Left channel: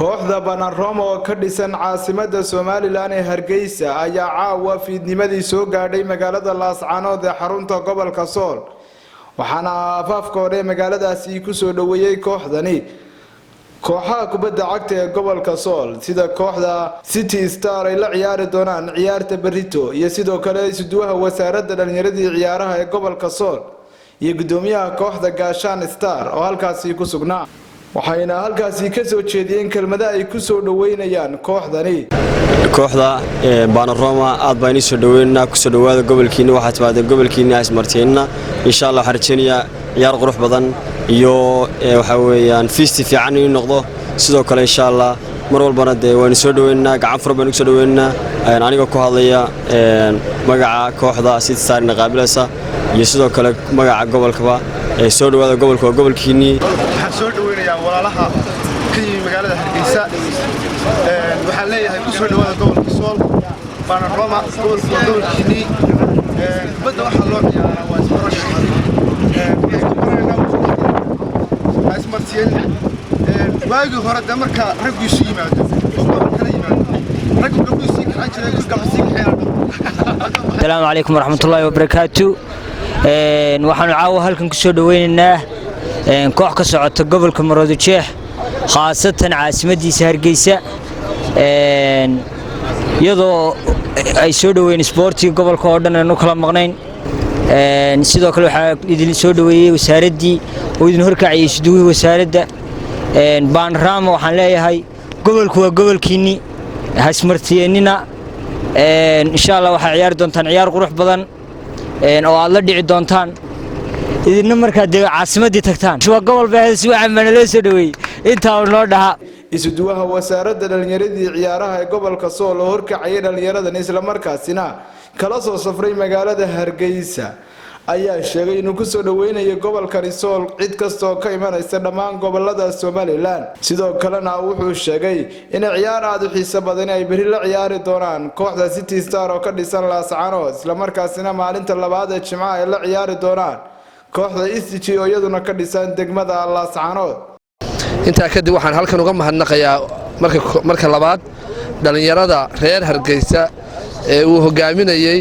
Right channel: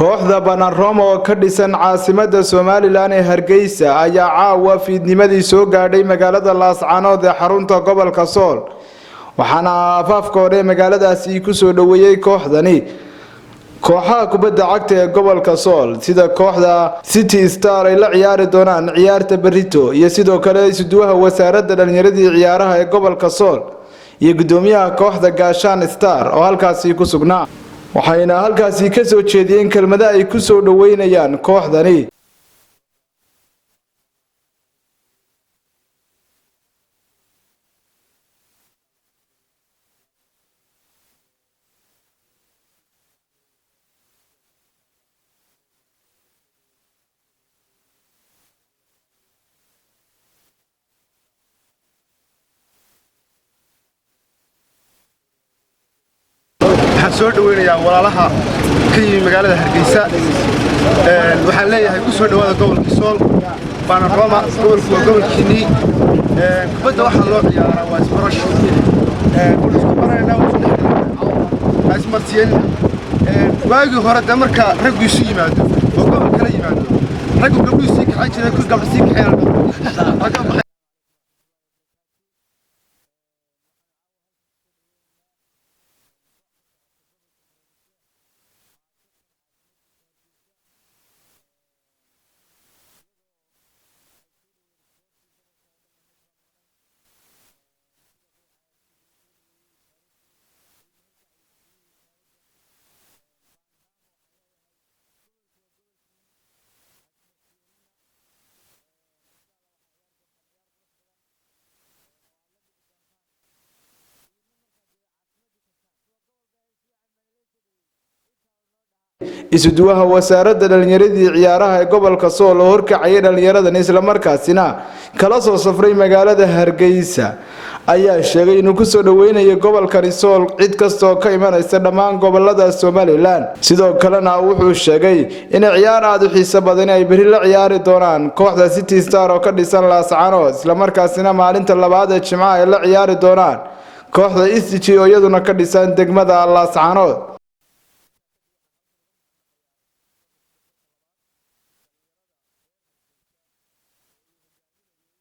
kooxda Banaroma oo ka dhisan caasimadda Soomaaliland ee Hargeysa ayaa caawa fiidnimadii soo gaadhay magaalada Laascaanood ee xarunta gobolka Sool waxaana afaafkooda magaaladaasi ku soo dhaweeyay kooxdani kooxaha kubadda cagta ee gobolka Sool sida kooxda City Star ay la ciyaari doonaan ciyaarta Berrito iyo sidoo kale isuduwaha wasaaradda dhalinyarada ciyaaraha ee gobolka Sool iyo gudoomiyaha kooxda Gaashaan Star oo halkaasi ku sugnaa waxayna halkaasi ka soo jeediyeen kelmado ay ku soo dhaweynayaan kooxdani kooxda Banaroma aad baan soo dhaweynaa ku soo dhawaada gobolkiina waxa timaada gobolkiina ismarteena insha Allah harjeeniya ciyaar qurux badan iyo waxa weeyaan feesti fiican inuu noqdo sidoo kale insha Allah mar walbana waan soo dhaweynaa gacan fur baan ku soo dhaweynaa aniga ku hadlaya magaca kooxda City Star qaabilaysa iyo sidoo kale magaca gobolkaba soo dhawaada gobolka gobolkiini waxaan soo dhaweynayaa walaalaha ka yimid magaalada Hargeysa waxaan leeyahay ku soo dhawaada gobolka Sool Banaroma gobolkiini kubadda waxa loo ciyaaraa waa isbarasho wala isku baranayna ismartiin waagi hore marka raggu isu yimaado oo gobol kala yimaado raggu gabdhu si ka xajireen ku gabdhu si ka xayaan Assalaamu alaykum warahmatullaahi wabarakaatu waxaan caawa halkan ku soo dhaweynaynaa koox ka socota gobolka Maroodijeex khaasatan caasimadiisa Hargeysa iyadoo ay soo dhaweyn sportiga gobolka oo dhan aanu kala maqnayn sidoo kale waxa idin soo dhaweeyay wasaaradii oo idin horkacay isduuwi wasaaradda Banaroma waxaan leeyahay gobolku waa gobolkiini hasmartiyeenina insha Allah waxa ciyaar doontaan ciyaar qurux badan oo aad la dhici doontaan idinna marka caasimadii tagtaan waa gobol baahis waxa manalo soo dhaweeyay inta loo dhaha isuduwaha wasaaradda dhalinyarada ciyaaraha ee gobolka Sool oo horkacay dhalinyarada isla markaasina kala soo safray magaalada Hargeysa ayaa sheegay inuu ku soo dhaweynayo gobolka Sool cid kasta oo ka imanaysa dhammaan gobolada Soomaaliland sidoo kalena wuxuu sheegay in ciyaar aad u xiiso badan ay bari la ciyaari doonaan kooxda City Star oo ka dhisan Laascaanood isla markaasina maalinta labaad ee Jimcaha ay la ciyaari doonaan kooxda SG oo iyaduna ka dhisan degmada Laascaanood inta kadib waxaan halkan uga mahadnaqayaa marka labaad dhalinyarada reer Hargeysa ee uu hogaaminayay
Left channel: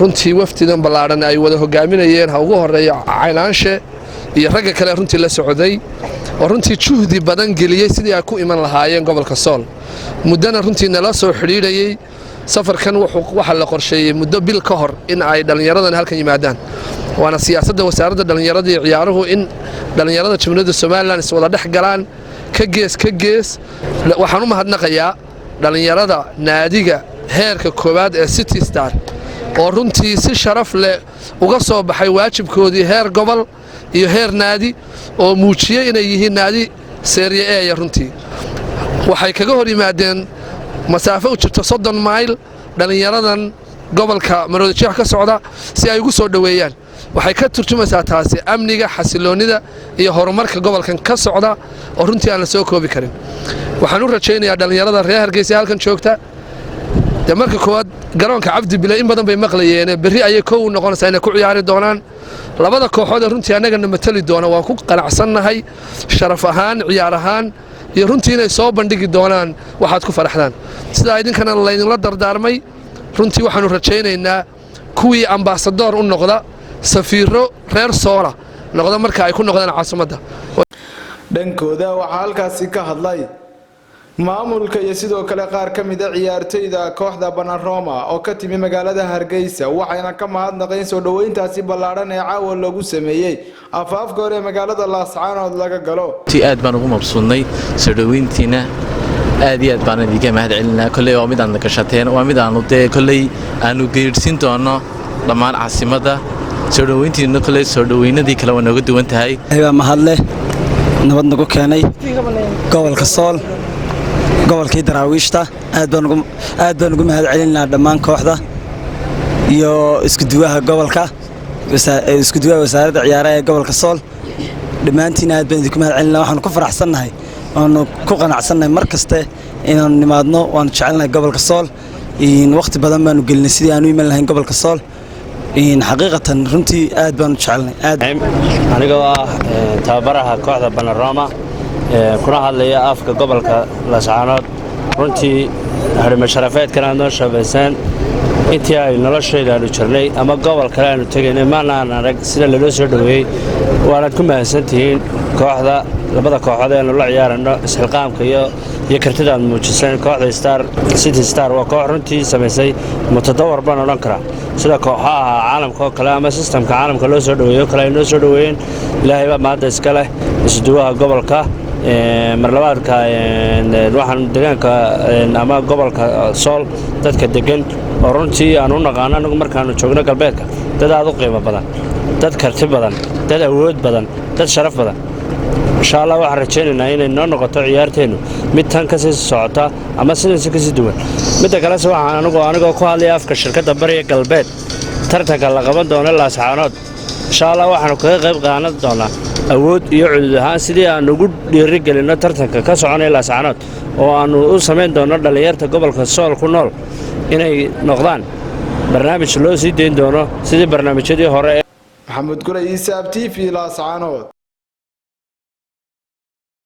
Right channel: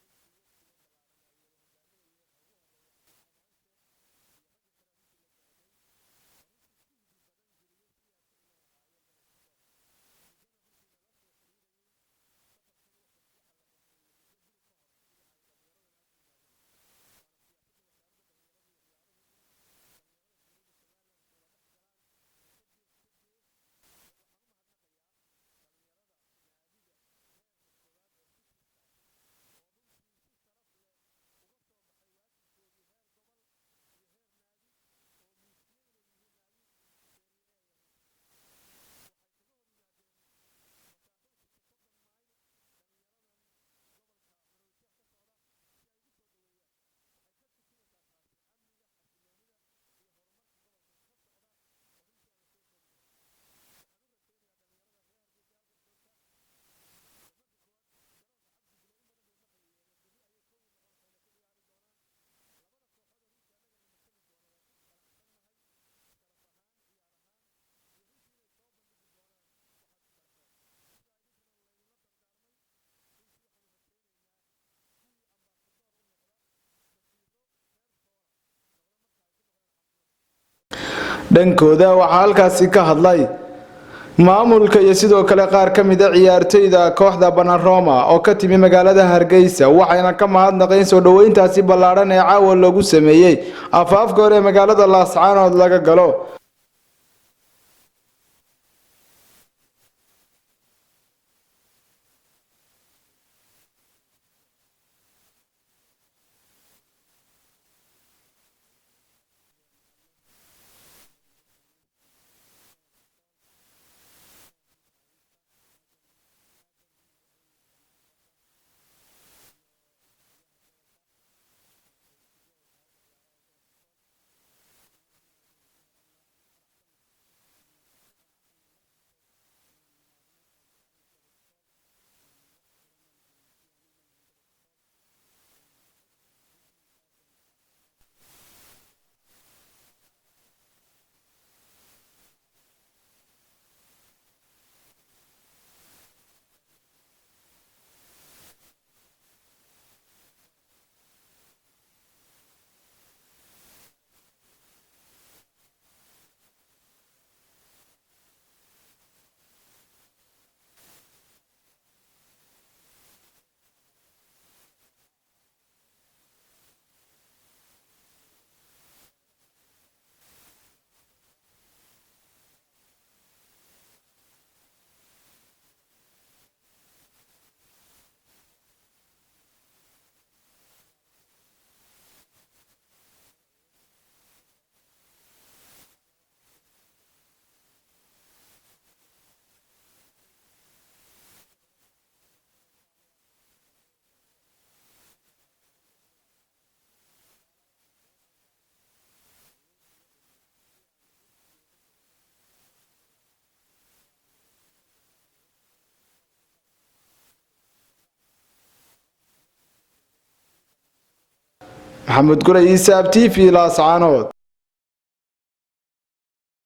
runtii waftidan balaaran ay wada hogaaminayeen ha ugu horeeyo Caynaanshe iyo ragga kale runtii la socday oo runtii juhdi badan geliyay sidii ay ku iman lahaayeen gobolka Sool muddana runtii nala soo xiriirayay safarkan waxa la qorsheeyay muddo bil ka hor in ay dhalinyaradan halkan yimaadaan waana siyaasadda wasaaradda dhalinyarada iyo ciyaaruhu in dhalinyarada Jamhuuriyadda Soomaaliland is wada dhex galaan ka gees waxaan u mahadnaqayaa dhalinyarada naadiga heerka koowaad ee City Star oo runtii si sharaf leh uga soo baxay waajibkoodii heer gobol iyo heer naadi oo muujiyay inay yihiin naadi Serie A runtii waxay kaga hor yimaadeen masaafo u jirto 30 mayl dhalinyaradan gobolka Maroodijeex ka socda si ay ugu soo dhaweeyaan waxay ka turjumaysaa taasi amniga xasiloonida iyo horumarka gobolkan ka socda oo runtii aan la soo koobi karin waxaan u rajaynayaa dhalinyarada reer Hargeysa halkan joogta marka koowaad garoonka Cabdi Bile in badan bay maqlayeen berri ayay koow noqonaysaa inay ku ciyaari doonaan labada kooxood runtii anagana matali doona waan ku qanacsanahay sharaf ahaan ciyaar ahaan iyo runtii inay soo bandhigi doonaan waxaad ku faraxdaan sida idinkana la dardaarmay runtii waxaanu rajaynaynaa kuwii ambassador u noqda safiiro reer Soola noqda marka ay ku noqdaan caasimadda dhankooda waxa halkaasi ka hadlay maamulka iyo sidoo kale qaar ka mid ah ciyaartoyda kooxda Banaroma oo ka timi magaalada Hargeysa waxayna ka mahadnaqeen soo dhaweyntaasi ballaaran ee caawa lagu sameeyay afaafka hore magaalada Laascaanood laga galo aad baan ugu mabsuudnay soo dhaweyntiina aad iyo aad baan idinka mahadcelinaa kulay oo mid aan ka shaqeyn waa mid aan kulay aanu geersin doono dhammaan caasimadda soo dhaweyntiina kulay soo dhaweynadii kala wanaag duwan tahay ayba mahadle nabad nagu keenay gobolka Sool gobolkii Daraawiishta aad baan ugu mahadcelinaa dhammaan kooxda iyo iskuduwaha gobolka iskuduwaha wasaaradda ciyaaraha ee gobolka Sool dhamaantiin aad baan idinku mahadcelinaa waxaan ku faraxsanahay oo ku qanacsannahay markaste inaan nimaadno waan jecelnahay gobolka Sool in waqti badan baan u gelinay sidii aan u iman lahayn gobolka Sool in xaqiiqatan runtii aad baan u jecelnahay aniga waa tababaraha kooxda Banaroma kuna hadlaya afka gobolka Laascaanood runtii harimo sharafeedkan aad noo shabeysaan intii ay noloshayda aanu jirnay ama gobol kale aanu tegaynay maanaan arag sida loo soo dhaweeyey waanaad ku mahadsantihiin kooxda labada kooxood ee aanu la ciyaarano isxilqaamka iyo kartida aad muujiseen kooxda Star City Star waa koox runtii samaysay mutadawar baan odhan karaa sida kooxaha caalamka oo kale ama systemka caalamka loo soo dhaweeyo kale ay noo soo dhaweeyeen ilaahay baa maanta iska leh isduwaha gobolka marlabaadka waxaan deegaanka ama gobolka Sool dadka degan oo runtii aan u naqaan anagu markaanu joogno galbeedka dad aad u qiimo badan dad karti badan dad awood badan dad sharaf badan insha Allah waxaan rajaynaynaa inay noo noqoto ciyaarteenu mid tan ka sii socota ama sidaas ka sii duwan midda kale waxaan anigu ku hadlay afka shirkadda Bariga Galbeed tartanka la qaban doono Laascaanood insha Allah waxaan kaga qayb qaadan doonaa awood iyo cudud ahaan sidii aan ugu dhiirigelino tartanka ka soconaya Laascaanood oo aanu u sameyn doono dhalinyarta gobolka Sool ku nool inay noqdaan barnaamij loo sii deyn doono sidii barnaamijyadii hore Maxamed Gulay Isaab TV Laascaanood